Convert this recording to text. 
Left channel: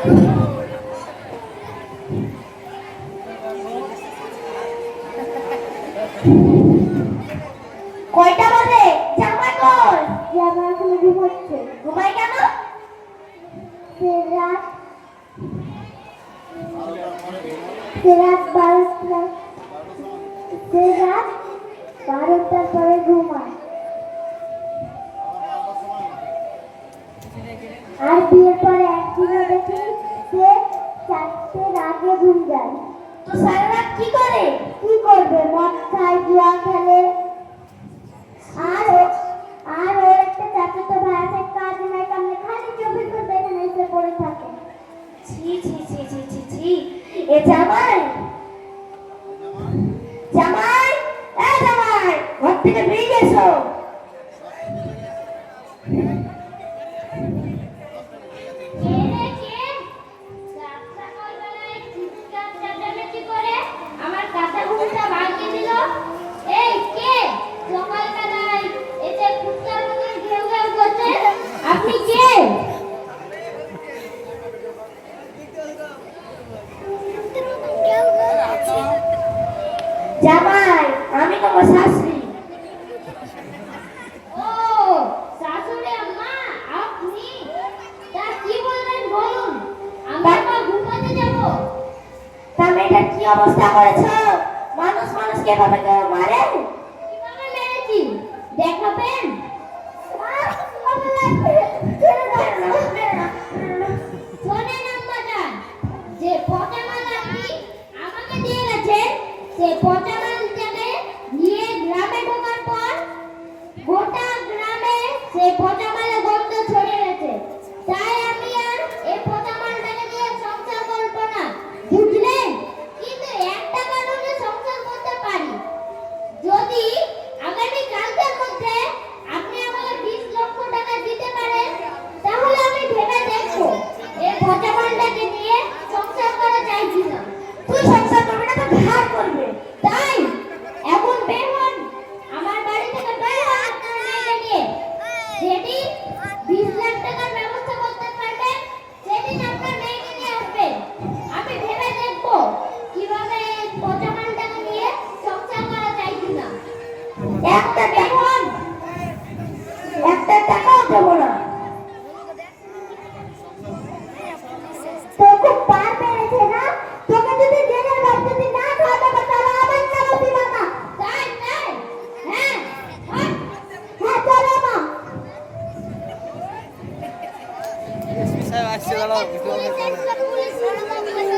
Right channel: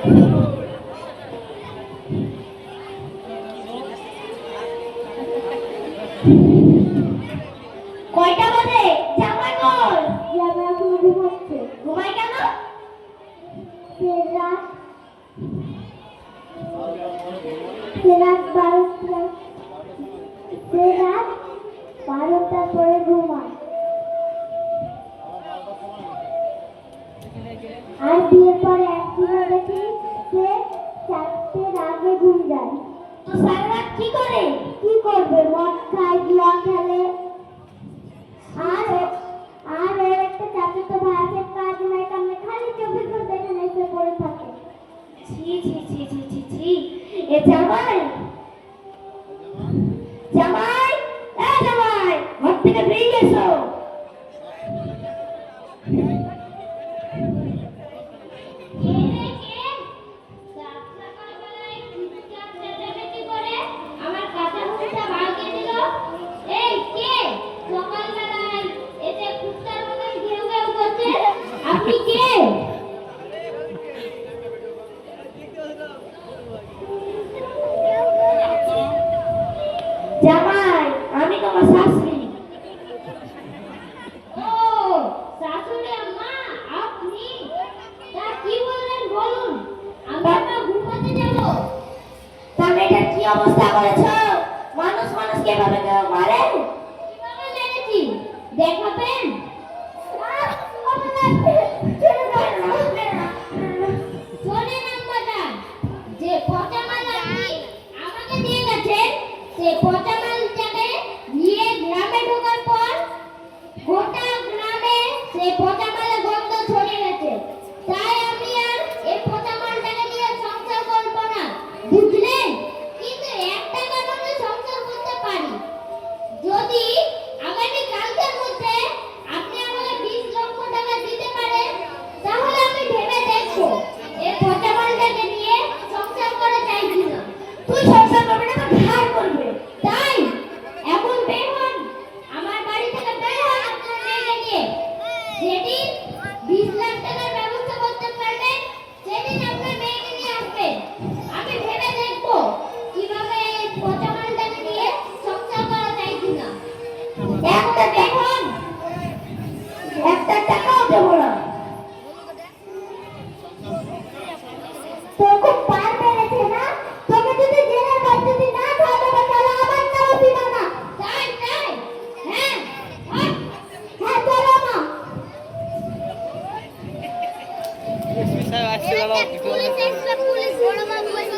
কয়টা বাজে? জামাই কই? জামাই এখন ঘুমাচ্ছে। ঘুমাই কেন? রাত 12টার পরে ঘুমায়। আর বিয়ের পরে একদিনও দেখি সে 4টের আগে ঘুম যায়। তো সারা রাত কি করে? কি করবে? মদ খায়, জুয়া খেলে। আর আর ওর একটা চাচাতো ভাই আছে, কাজ নাই কামে খালি 24 ঘন্টা এখানে এসে পড়ে থাকে। ছি ছি ছি ছি ছি ছি। এ জামাই, জামাই, এ জামাই, ঘর থেকে বেরিয়ে এসো। আমার কাঁচা ঘুমটা ভাঙিয়ে দিল। এই কে সকালবেলায় এতে কুত্তার মতো ঘেউ ঘেউ করছে? আপনি কে? জামাই, আমি তোমার শাশুড়ি। ও শাশুড়ি আম্মা, আপনি? তা কি বলবেন বলুন, আমি আবার ঘুমাতে যাব। তা মেয়েটার কি অবস্থা করেছো? মানুষ মানুষকে এভাবে কেউ মারে? কিভাবে মেরেছি দেখাবেন? শোনেন আম্মাটা, যে পচা মাল আপনি আমাকে দিয়ে গেছেন, সেই পচা মালটাকে নিয়ে গ্রামে ঢোকার পর গোটা গ্রামে সেই পচা মালের গন্ধ ছড়িয়ে গেছে। তাই আমি আর এই পচা মালটাকে নিয়ে সংসার করব না, বুঝলেন? কিন্তু একটা কারণে সংসার করতে পারি, যদি আগামী কালকের মধ্যে আপনি আমাকে 20 লক্ষ টাকা দিতে পারেন, তাহলে আমি ভেবে দেখবো এই পচা মালটাকে নিয়ে সংসার করা যায় কিনা। তুই সংসার করবি না তো ধার করবে। তাই এখন বের হন, আমার বাড়ি থেকে বের হন আপনার মেয়েকে নিয়ে। যেদিন 20 লাখ টাকার ব্যবস্থা করতে পারবেন, সেদিন আপনার মেয়েকে নিয়ে আসবেন। আমি ভেবে দেখবো কিভাবে এই পচা মালটাকে নিয়ে সংসার করা যায় কিনা। একটা বের হন। একটা টাকাও দেবো না। তোকে পার মেরেছে না? তোকে যদি জেলের ভাত যদি না খাওয়াতে পারে তাহলে আবার তারা দিবা না। তাই তাই, হ্যাঁ হট। হ্যাঁ চলো মা। Police police police